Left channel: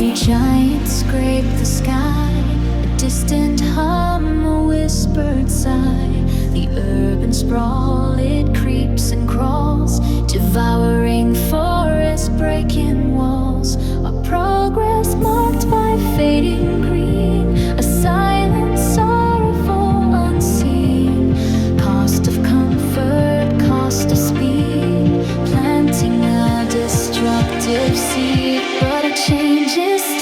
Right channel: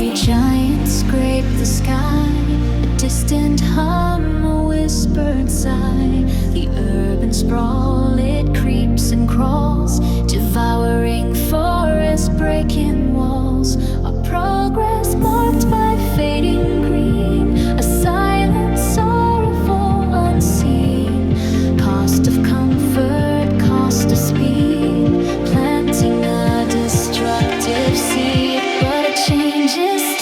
Concrete giants scrape the sky, a distant hum, a whispered sigh. The urban sprawl, it creeps and crawls, devouring forests, breaking walls. Our progress marked by fading green, a silent, sorrowful, unseen. Cost of comfort, cost of speed, planting a destructive seed. But a change is